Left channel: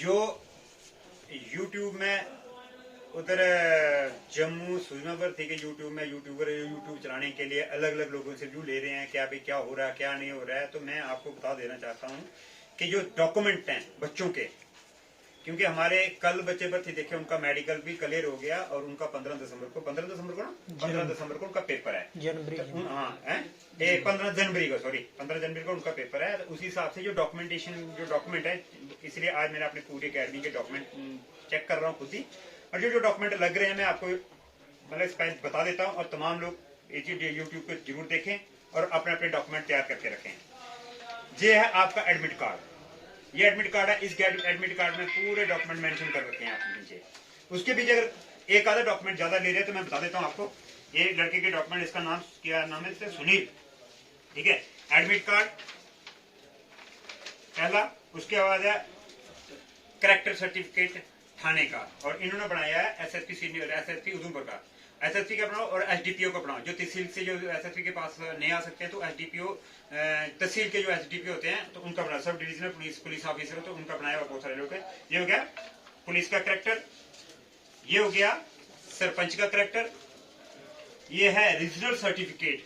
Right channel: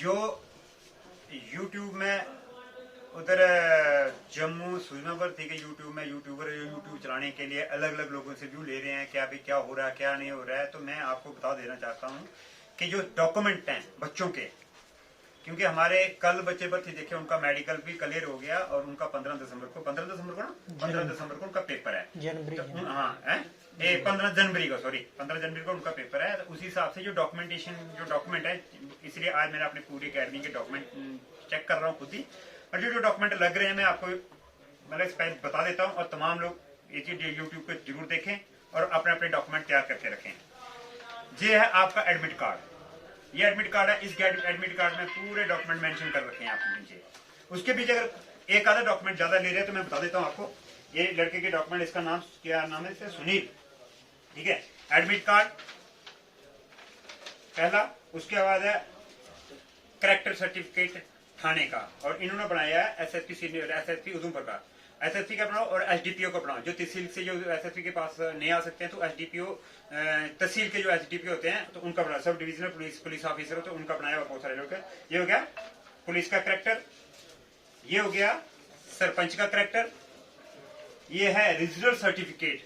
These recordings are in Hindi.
जो यूट्यूब में उधर जम्मू सुजमापुर थी कि यूट्यूब में यूट्यूबर यूट्यूब चलाने के लिए अलग अलग लोगों से व्यू ले रहे हैं, क्या भाई क्या हो रहा है क्या नहीं हो रहा है। तो मैं आपको बता देना चाहता हूँ कि जो डॉक्यूमेंट हैं बच्चों के, क्योंकि हमारे कल बच्चे पर थी, देखे उनका मेडिकल भी क्लियर हो गया और उनका 15 दिसंबर को उनका पेपर है जनवरी तो, हाँ 15 जनवरी को, सॉरी 15 जनवरी को उनका पेपर है। तो उसी हिसाब से जो डॉक्यूमेंट है, इसलिए आज मैंने अपने पूरी अकेडमी के डॉक्यूमेंट चेक कर रहा हूँ खुद ही, और जो डॉक्यूमेंट लग रहे हैं मैं आपको मतलब बता देता हूँ। और तमाम लोग ये चीज यूट्यूब पे जरूर देखें और अपने अपने डॉक्यूमेंट तैयार करके रखें। ये है आपका एडमिट कार्ड, ये एडमिट कार्ड है। इस एडमिट कार्ड में पूरे डॉक्यूमेंट मेंशन कर रखे हैं आप नीचे। उसके बीच अगर एक आधा डॉक्यूमेंट ज्यादा ले रहे हैं तो मैं बता देता हूँ आपको। ये लड़के के डॉक्यूमेंट, इसका नाम क्या नाम है, सुनील, ठीक है। एडमिट कार्ड पहला, उसके बाद है करेक्टर सर्टिफिकेट थाने का, और इन्होंने बनाया है एसएसपी सीनियर, एसएसपी उधमपुर का, एसएसपी का बनाओ और एसडीपीओ का बनाओ। जो तहसील से जो एसएसपी के पास नहीं आ सकते हैं तो एसडीपीओ, तहसील के जो एसडीपीओ होते हैं तो उनका बनाया, सब डिविजनल पुलिस ऑफिसर हो तो उनका बनाया हुआ बहुत सारे लोग हैं। ये हो गया पुलिस का करेक्टर, ये हो गया सरपंच का करेक्टर, ये है रीजनल सर्टिफिकेट,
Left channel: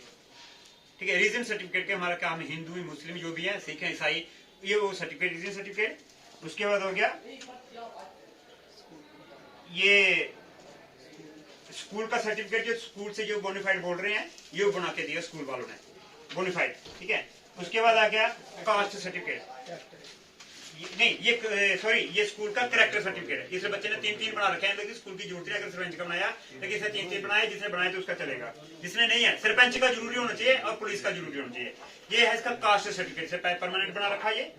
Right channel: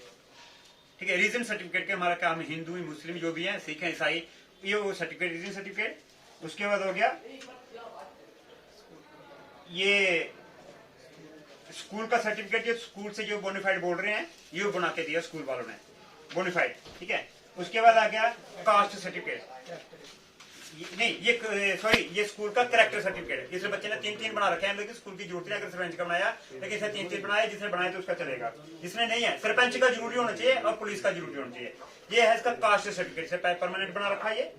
ठीक है। रीजन सर्टिफिकेट के हमारा काम हिंदू मुस्लिम जो भी है, सिख है ईसाई, ये वो सर्टिफिकेट रीजन सर्टिफिकेट। उसके बाद हो गया ये स्कूल का सर्टिफिकेट, जो स्कूल से जो बोनाफाइड बोल रहे हैं ये बना के दिया स्कूल वालों ने, बोनाफाइड, ठीक है। उसके बाद आ गया कास्ट सर्टिफिकेट, नहीं ये सॉरी ये स्कूल का करेक्टर सर्टिफिकेट। जिससे बच्चे ने 3-3 बना रखे हैं, लेकिन स्कूल की जरूरत नहीं, अगर सरपंच का बनाया, लेकिन इसे 3-3 बनाया, जिसने बनाया तो उसका चलेगा, जिसने नहीं है सरपंच का जरूरी होना चाहिए और पुलिस का जरूरी होना चाहिए। ये है इसका कास्ट सर्टिफिकेट, से परमानेंट बना रखा है ये।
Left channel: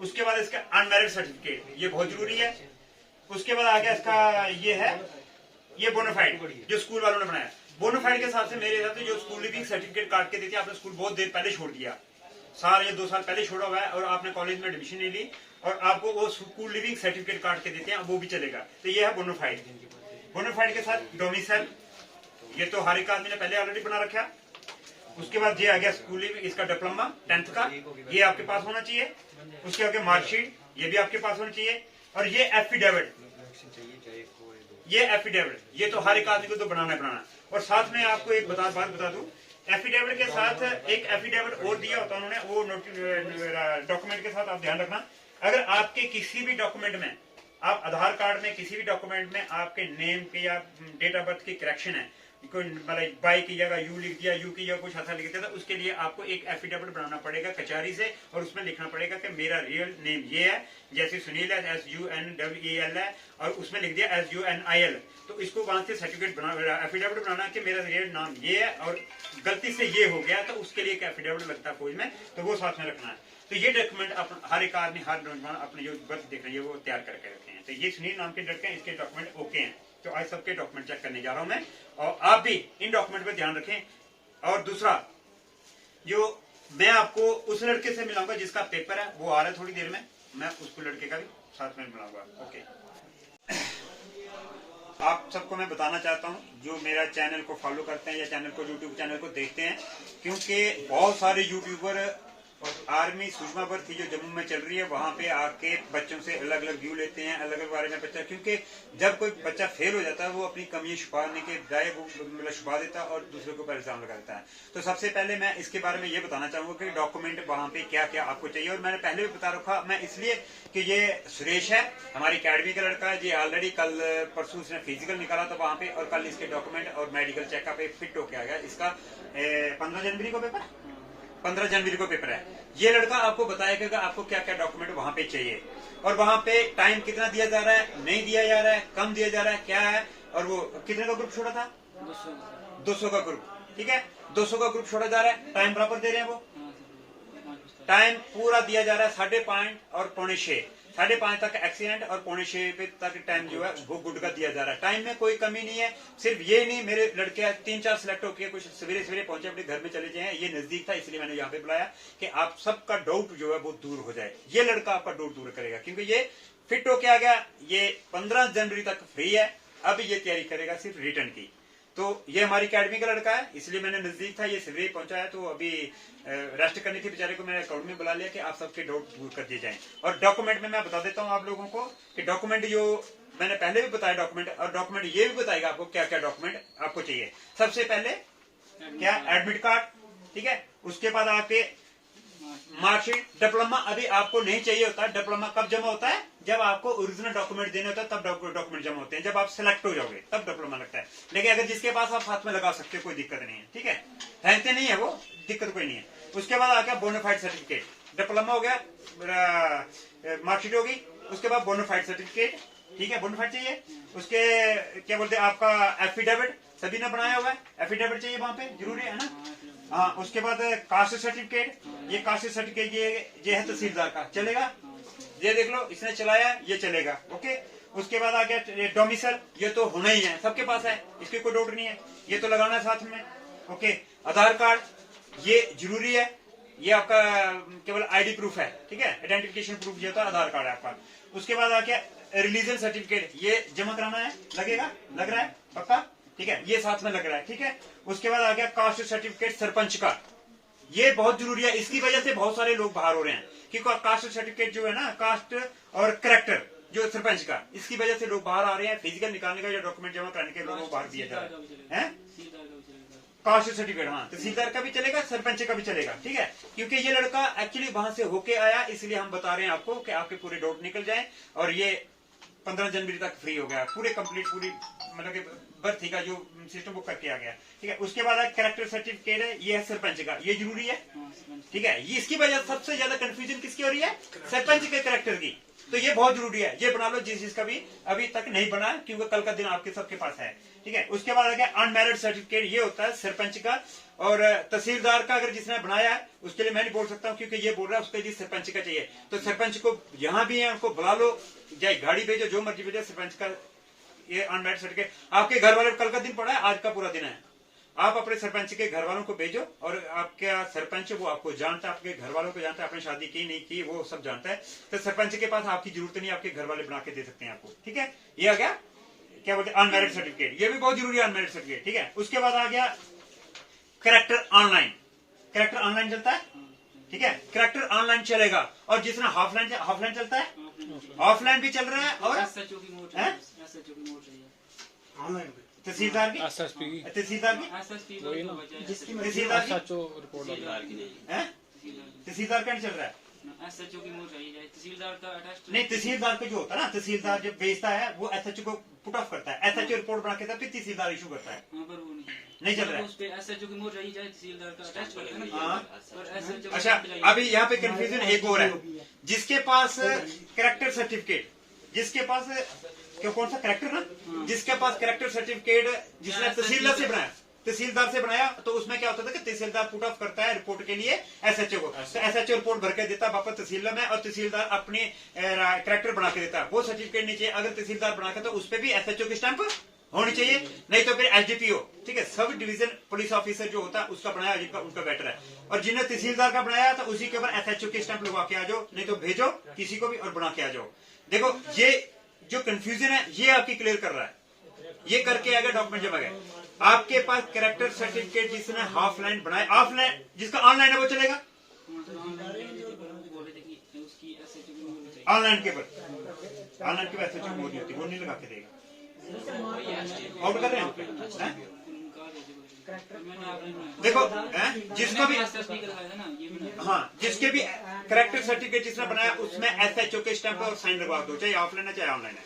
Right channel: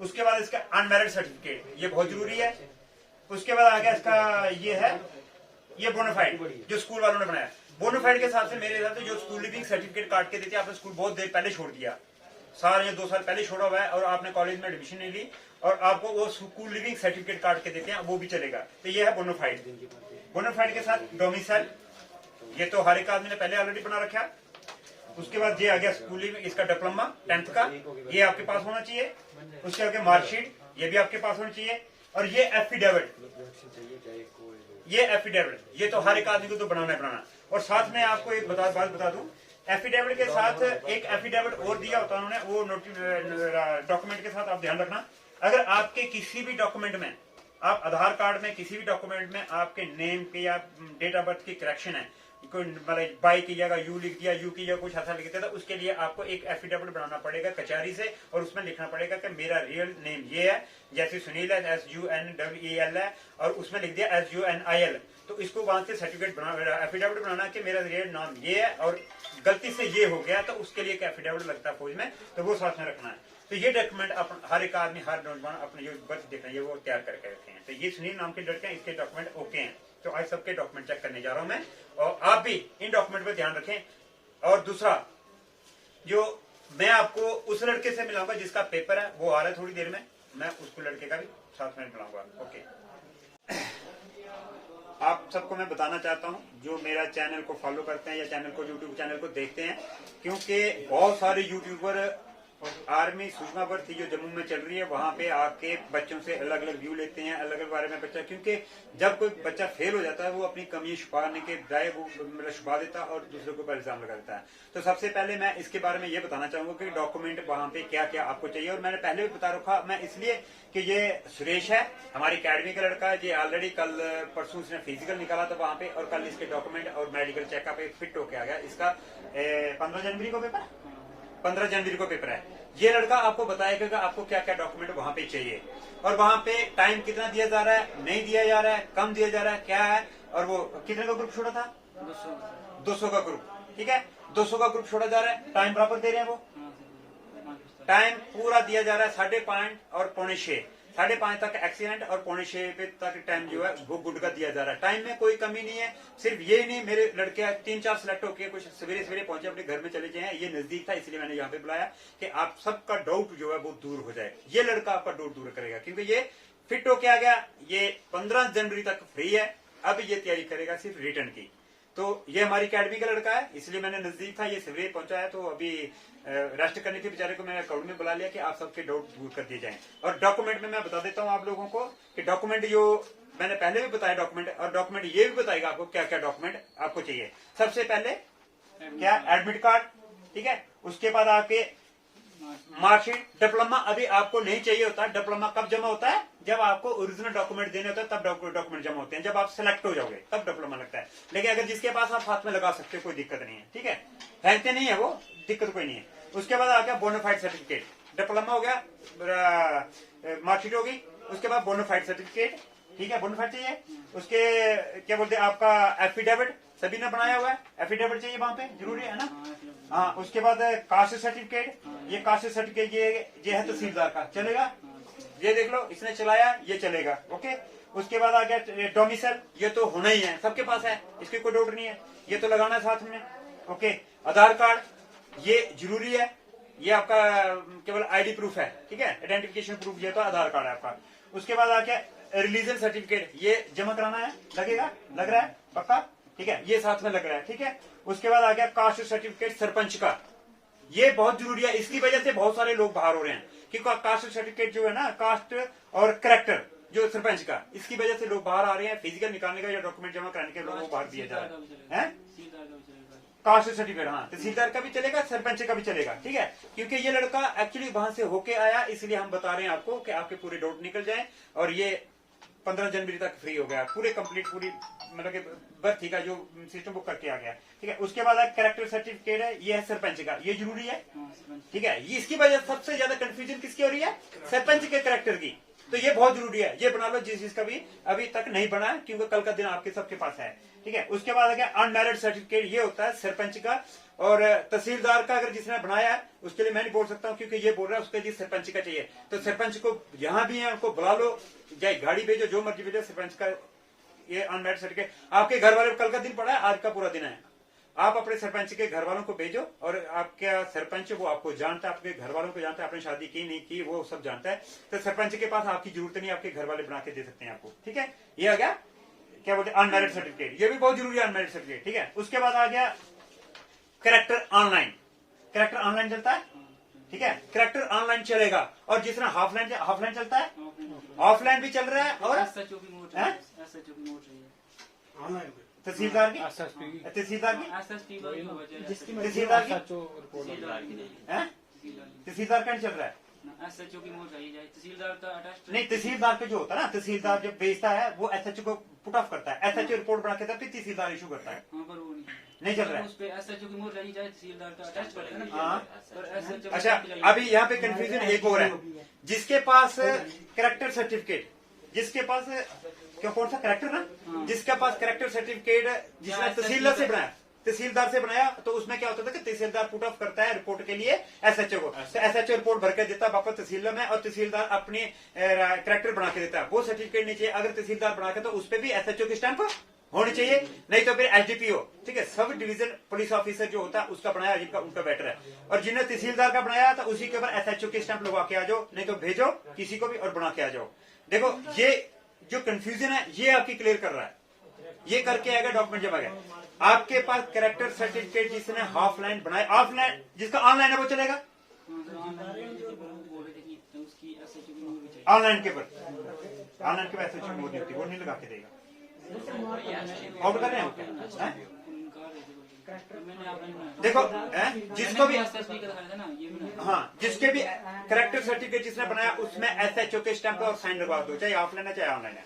उसके बाद इसका अनमैरिड सर्टिफिकेट, ये बहुत जरूरी है। उसके बाद आ गया इसका ये है ये बोनाफाइड, जो स्कूल वालों ने बनाया। बोनाफाइड के हिसाब से मेरे हिसाब से जो स्कूल लिविंग सर्टिफिकेट काट के देते हैं, आपने स्कूल बहुत देर पहले छोड़ दिया, साल या 2 साल पहले छोड़ा हुआ है, और आपने कॉलेज में एडमिशन नहीं ली और आपको वो स्कूल लिविंग सर्टिफिकेट काट के देते हैं, वो भी चलेगा। तो ये है बोनाफाइड। बोनाफाइड के साथ डोमिसाइल, ये तो हर एक आदमी ने पहले ऑलरेडी बना रखा। उसके बाद ये आ गया स्कूल लिविंग, इसका डिप्लोमा 10th का, ये आपके पास होना चाहिए। उसके आगे मार्कशीट, ये भी आपके पास होनी चाहिए। और ये एफिडेविट, ये तो हर एक आदमी को तो बनाना। और साथ में आपको एक बात बता दूं, एफिडेविट के साथ एक एफिडेविट और दिया होता है उन्होंने, वो डॉक्यूमेंट के साथ आप ध्यान रखना। अगर आपके किसी भी डॉक्यूमेंट में, आप आधार कार्ड में किसी भी डॉक्यूमेंट में आपके नेम के या डेट ऑफ बर्थ की करेक्शन है, कोई मतलब बाई की जगह यू लिख दिया, यू की जगह कुछ ऐसा लिख दिया, तो उसके लिए आपको एक एफिडेविट बनाना पड़ेगा कचहरी से, और उसमें लिखना पड़ेगा कि मेरा रियल नेम ये है, जैसे सुनील है SUNEL है, और उसमें लिख दिया SUNIL। तो इसको वहां से सर्टिफिकेट एफिडेविट बनाना कि मेरा रियल नाम ये है और गलती से ये हो गया, तो उसके लिए एक एफिडेविट लगता है फौज में, तो वो साथ में रखना है। तो ये डॉक्यूमेंट हर एक आदमी, हर नौजवान अपने जो बर्थ देख रहे हैं वो तैयार करके रखे हैं। तो ये सुनील नाम के लड़के हैं, इसके डॉक्यूमेंट ओके हैं। तो आज सबके डॉक्यूमेंट चेक करने जा रहा हूं मैं, और आप भी इन डॉक्यूमेंट पे ध्यान रखें। और दूसरा, जो मैं आपको उस लड़के से मिलाऊंगा जिसका पेपर है, वो आ रहा है थोड़ी देर में, मैं उसको लड़के का भी साथ में मिलाऊंगा। ओके, आप सबको मैं बताना चाहता हूं जो मेरा चैनल को फॉलो करते हैं या चैनल को यूट्यूब चैनल को देखते हैं, क्योंकि बहुत सारे यूट्यूबर आर्मी सुषमा थी जो जम्मू में चल रही है, वहां पे आके बच्चों से अलग अलग व्यू लेते हैं, अलग अलग बारे में बच्चा, क्योंकि जब कोई बच्चा फेल हो जाता है वो अपनी कमी छुपाने के बजाय वो मतलब छुपा देता है और दूसरे के ऊपर इल्जाम लगाता है। तो सबसे पहले मैं इसके बारे में ये बताना चाहूंगा कि डॉक्यूमेंट वहां पे क्या क्या आपको चाहिए, और मैंने पहले भी बता रखा मैं, इसलिए कि ये सुरेश है हमारी अकेडमी का लड़का है, ये ऑलरेडी कल परसों उसने फिजिकल निकाला था वहां पे, और कल इसके डॉक्यूमेंट और मेडिकल चेकअप फिट होके आ गया। इसका 15 जनवरी को पेपर, 15 जनवरी को पेपर है। ये लड़का आपको बताएगा कि आपको क्या क्या डॉक्यूमेंट वहां पे चाहिए, और वहां पे टाइम कितना दिया जा रहा है, नहीं दिया जा रहा है, कम दिया जा रहा है, क्या है। और वो कितने का ग्रुप छोड़ा था, 200 का ग्रुप, ठीक है, 200 का ग्रुप छोड़ा जा रहा है। टाइम बराबर दे रहे हैं, वो टाइम पूरा दिया जा रहा है 5:30 और 5:45, 5:30 तक एक्सीडेंट और 5:45 तक टाइम जो है वो गुड का दिया जा रहा है। टाइम में कोई कमी नहीं है। सिर्फ ये नहीं, मेरे लड़के 3-4 सिलेक्ट होकर कुछ सवेरे सवेरे पहुंचे, अपने घर में चले जाए, ये नजदीक था इसलिए मैंने यहाँ पे बुलाया कि आप सबका डाउट जो है वो दूर हो जाए। ये लड़का आपका डाउट दूर करेगा, क्योंकि ये फिट होके आ गया, ये 15 जनवरी तक फ्री है। अब ये तैयारी करेगा सिर्फ रिटर्न की। तो ये हमारी अकेडमी का लड़का है, इसलिए मैंने नजदीक था, ये सिवरेज पहुंचा है, तो अभी रेस्ट करने के बेचारे को मैंने अकाउंट में बुला लिया कि आप सबके डाउट दूर कर दिए जाएं। और डॉक्यूमेंट में मैं बता देता हूं आप लोगों को कि डॉक्यूमेंट जो मैंने पहले भी बताया डॉक्यूमेंट, और डॉक्यूमेंट ये भी बताएगा आपको क्या क्या डॉक्यूमेंट आपको चाहिए। सबसे पहले क्या, एडमिट कार्ड, ठीक है। उसके बाद आपके मार्कशीट, डिप्लोमा अभी आपको नहीं चाहिए होता। डिप्लोमा कब जमा होता है, जब आपको ओरिजिनल डॉक्यूमेंट देने होता है, तब डॉक्यूमेंट जमा होते हैं। जब आप सिलेक्ट हो जाओगे तब डिप्लोमा लगता है। लेकिन अगर जिसके पास आप हाथ में लगा सकते हो, कोई दिक्कत नहीं है, ठीक है, फेंकते नहीं है वो, दिक्कत कोई नहीं है। उसके बाद आ गया बोनाफाइड सर्टिफिकेट, डिप्लोमा हो गया, मार्कशीट होगी, उसके बाद बोनाफाइड सर्टिफिकेट, ठीक है, बोनाफाइड चाहिए। उसके क्या बोलते हैं, आपका एफिडेविट, सभी ने बनाया हुआ है, एफिडेविट चाहिए वहां पे, जरूरी है ना। हाँ, उसके बाद कास्ट सर्टिफिकेट, ये कास्ट सर्टिफिकेट ये है तहसीलदार का, चलेगा, ये देख लो, इसने चलाया, ये चलेगा, ओके। उसके बाद आ गया डोमिसाइल, ये तो होना ही है, सबके पास है, इसकी कोई डाउट नहीं है, ये तो लगाना है साथ में, ओके। आधार कार्ड, ये जरूरी है, ये आपका केवल आईडी प्रूफ है, ठीक है, आइडेंटिफिकेशन प्रूफ, ये तो आधार कार्ड है आपका। उसके बाद आ गया रिलीजन सर्टिफिकेट, ये जमा कराना है, लगेगा, लग रहा है पक्का, ठीक है, ये साथ में लग रहा है, ठीक है। उसके बाद आ गया कास्ट सर्टिफिकेट सरपंच का, ये बहुत जरूरी है, इसकी वजह से बहुत सारे लोग बाहर हो रहे हैं, क्योंकि कास्ट सर्टिफिकेट जो है ना, कास्ट और करेक्टर जो सरपंच का, इसकी वजह से लोग बाहर आ रहे हैं। फिजिकल निकालने का या डॉक्यूमेंट जमा कराने के लोगों को बाहर दिया जा रहा है। कास्ट सर्टिफिकेट, हाँ, तहसीलदार का भी चलेगा, सरपंच का भी चलेगा, ठीक है, क्योंकि ये लड़का एक्चुअली वहां से होके आया, इसलिए हम बता रहे हैं आपको कि आपके पूरे डाउट निकल जाए। और ये 15 जनवरी तक फ्री हो गया, पूरे कंप्लीट, पूरी मतलब कि भर्ती का जो सिस्टम बुक करके आ गया, ठीक है। उसके बाद कैरेक्टर सर्टिफिकेट है, ये है सरपंच का, ये जरूरी है, ठीक है। ये इसकी वजह सबसे ज्यादा कंफ्यूजन किसकी हो रही है, सरपंच के कैरेक्टर की, तो ये बहुत जरूरी है, ये बना लो जिसका भी अभी तक नहीं बना है, क्योंकि कल का दिन आपके सबके पास है, ठीक है। उसके बाद आ गया अनमैरिड सर्टिफिकेट, ये होता है सरपंच का, और तहसीलदार का अगर जिसने बनाया है उसके लिए मैं नहीं बोल सकता हूँ, क्योंकि ये बोल रहा है उसके लिए सरपंच का चाहिए, तो सरपंच को यहाँ भी है, उनको बुला लो, चाहे गाड़ी भेजो, जो मर्जी भेजो, सरपंच का ये अनमैरिड सर्टिफिकेट। आपके घर वाले कल का दिन पड़ा है, आज का पूरा दिन है, आप अपने सरपंच के घर वालों को भेजो, और आपका सरपंच वो आपको जानता है, आपके घर वालों को जानता है, आपने शादी की नहीं की वो सब जानता है, तो सरपंच के पास आपकी जरूरत नहीं, आपके घर वाले बना के दे सकते हैं आपको, ठीक है। ये आ गया क्या बोलते हैं अनमैरिड सर्टिफिकेट, ये भी बहुत जरूरी है अनमैरिड सर्टिफिकेट, ठीक है। उसके बाद आ गया कैरेक्टर ऑनलाइन, कैरेक्टर ऑनलाइन चलता है, ठीक है, कैरेक्टर ऑनलाइन चलेगा, और जिसमें हाफलाइन चलता है, ऑफलाइन भी चल रहा है, और तहसीलदार की, तहसीलदार का नहीं चल रहा है, नहीं, तहसीलदार का जो होता है ना, तहसीलदार जब भेजता है वो एसएचओ को पुट ऑफ करता है, एसएचओ रिपोर्ट बना के फिर तहसीलदार इशू करता है, नहीं चल रहा है, अच्छा। अभी यहाँ पे कंफ्यूजन एक और है, जिसके पास कैरेक्टर सर्टिफिकेट, जिसके पास कौन सा कैरेक्टर ना, जिसके पास कैरेक्टर सर्टिफिकेट जिसने तहसीलदार से बनाया, तो उसमें क्या होता था कि तहसीलदार पुट ऑफ करता है रिपोर्ट के लिए एसएचओ को, तो एसएचओ रिपोर्ट भर के देता है वापस तहसील में, और तहसीलदार अपनी कैरेक्टर बना के देता है, वो सर्टिफिकेट नहीं चाहिए। अगर तहसीलदार बना के, तो उस पर भी एसएचओ की स्टैंप होनी चाहिए, नहीं तो फिर एसडीपीओ, ठीक है, सब डिवीजन पुलिस ऑफिसर जो होता है उसका बनाया, जिनका उनका बेटर है, और जिन्होंने तहसीलदार का बनाया तो उसी के ऊपर एसएचओ की स्टैंप लगवा के आ जाओ, नहीं तो भेजो किसी को भी और बना के आ जाओ। देखो, ये जो कंफ्यूजन है ये आपकी क्लियर कर रहा है, ये करके आएगा डॉक्यूमेंट जमा गया। आपके पास कैरेक्टर सर्टिफिकेट जिसने हाफ लाइन बनाया, ऑफलाइन जिसका ऑनलाइन है वो चलेगा, ऑनलाइन के पर, ऑनलाइन के एसएचओ मोड नहीं होती, वो नहीं लगा के देगा, आउट कर रहे हैं। देखो जिसको भी, हाँ, जिसके भी कैरेक्टर सर्टिफिकेट जिसने बनाया उसमें एसएचओ के स्टैंप और साइन लगवा दो, चाहे ऑफलाइन है चाहे ऑनलाइन है,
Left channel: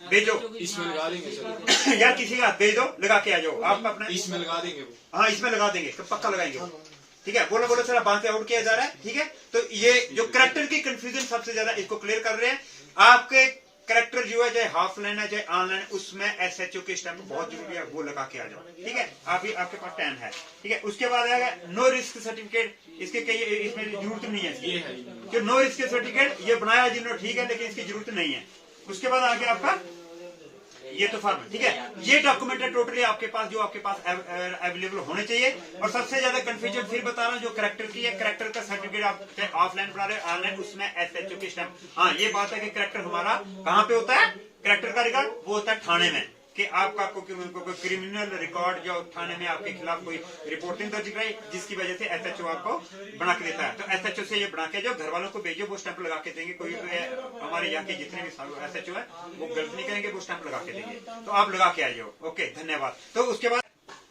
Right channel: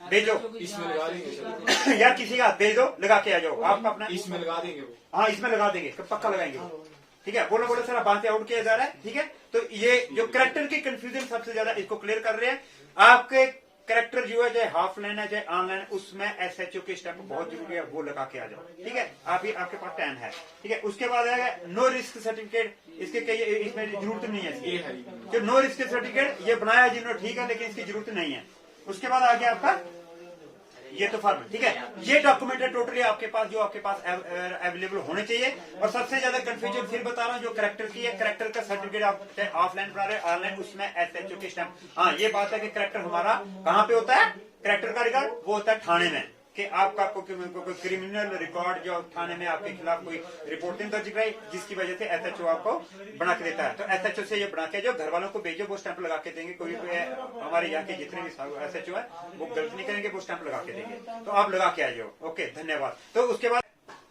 भेजो, इसमें लगा देंगे यार, किसी का भेज दो, लगा के आ जाओ, आपका अपना इसमें लगा देंगे वो, हाँ, इसमें लगा देंगे, पक्का लगाएंगे वो, ठीक है। बोलो सर बात से आउट किया जा रहा है, ठीक है। तो ये जो कैरेक्टर की कंफ्यूजन सबसे ज्यादा, इसको क्लियर कर रहे हैं। आपके कैरेक्टर जो है, चाहे हाफ लाइन है चाहे ऑनलाइन है, उसमें एसएचओ के स्टैंप बहुत जरूरी है, वो लगा के आ जाओ, ठीक है। आपके पास टाइम है, ठीक है। उसके बाद आएगा नो रिस्क सर्टिफिकेट, इसके इसमें जरूरत नहीं है, जो नो रिस्क सर्टिफिकेट ये बनाया जिन्होंने, ठीक है, लेकिन इसकी जरूरत नहीं है। उसके बाद आ गया आपका ये तो फॉर्म, ठीक है, ये डॉक्यूमेंट है टोटली आपके पास, जो आपके पास अवेलेबल होने चाहिए। और सबसे ज्यादा कंफ्यूजन फिर बता रहा हूँ, जो कैरेक्टर की है, कैरेक्टर का सर्टिफिकेट आप ऑफलाइन बना रहे हैं ऑनलाइन, उसमें एसएचओ की स्टैंप, हाँ, ये बात है कि कैरेक्टर हमारा कहाँ पे होता है, कैरेक्टर का रिकॉर्ड वो होता है थाने में, कि आपका कोई क्रिमिनल रिकॉर्ड जो थाने में आपके खिलाफ कोई रिपोर्टिंग दर्ज कराई, जिसकी वजह से एसएचओ आपको बना के देता है। तो एसएचओ से ये बना के जो घर वालों को भेजो, वो स्टैंप लगा के देंगे। कोई हमारे यहाँ के जितने भी एसएचओ है वो गलती नहीं करेंगे, वो स्टैंप लगा के देंगे। तो आप लगा के आइए। ओके, धन्यवाद। तो उसके बाद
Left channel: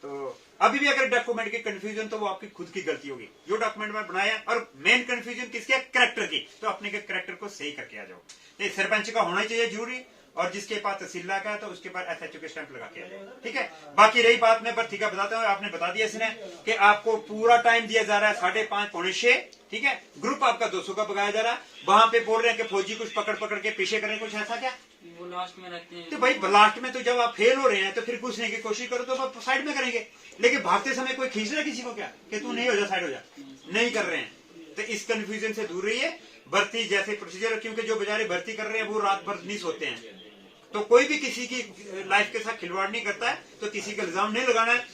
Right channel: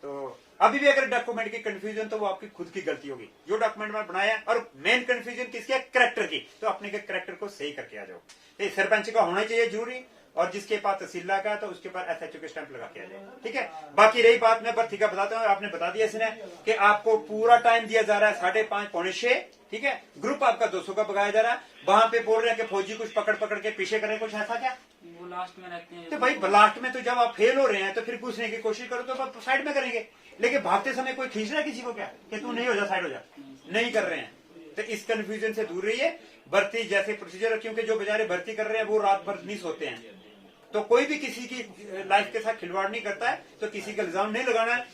तो अभी भी अगर डॉक्यूमेंट की कंफ्यूजन, तो वो आपकी खुद की गलती होगी। जो डॉक्यूमेंट में बनाया, और मेन कंफ्यूजन किसकी है? करेक्टर की। तो अपने के करेक्टर को सही करके आ जाओ। ये सरपंच का होना चाहिए जरूरी, और जिसके पास तहसीलदार का, तो उसके पास एसएचओ के स्टैंप लगा के आ जाए। ठीक है। बाकी रही बात, मैं भर्ती का बताता हूँ। आपने बता दिया इसने कि आपको पूरा टाइम दिया जा रहा है 5:30 पौने 6। ठीक है। ग्रुप आपका 200 का पकाया जा रहा है। वहां पे बोल रहे हैं कि फौजी कुछ पकड़ पकड़ के पीछे करें, कुछ ऐसा क्या? वो लास्ट में रहते हैं। तो भाई लास्ट में तो जब आप फेल हो रहे हैं, तो फिर घुसने की कोशिश करो तो आप साइड में करेंगे। लेकिन भागते समय कोई खींच रहा है किसी को क्या कि तू नहीं हो जा, साइड हो जा? नहीं कर रहे हैं। तो इस कंफ्यूजन से दूर रहिए। भर्ती जैसे प्रोसीजर, क्योंकि जो बेचारे भर्ती कर रहे हैं वो रात भर नहीं सोते हैं। तो कोई भी किसी की लाइफ के साथ खिलवाड़ नहीं करता है, तो किसी का इल्जाम नहीं लगाना है।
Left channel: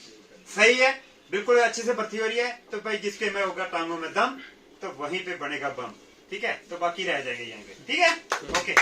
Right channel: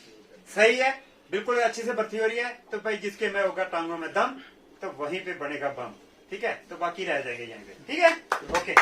सही है, बिल्कुल अच्छे से भर्ती हो रही है। तो भाई जिसके में होगा टांगों में दम, तो वहीं पे बनेगा बम। ठीक है। तो बाकी रह जाएंगे यहाँ पे। ठीक है। ओके।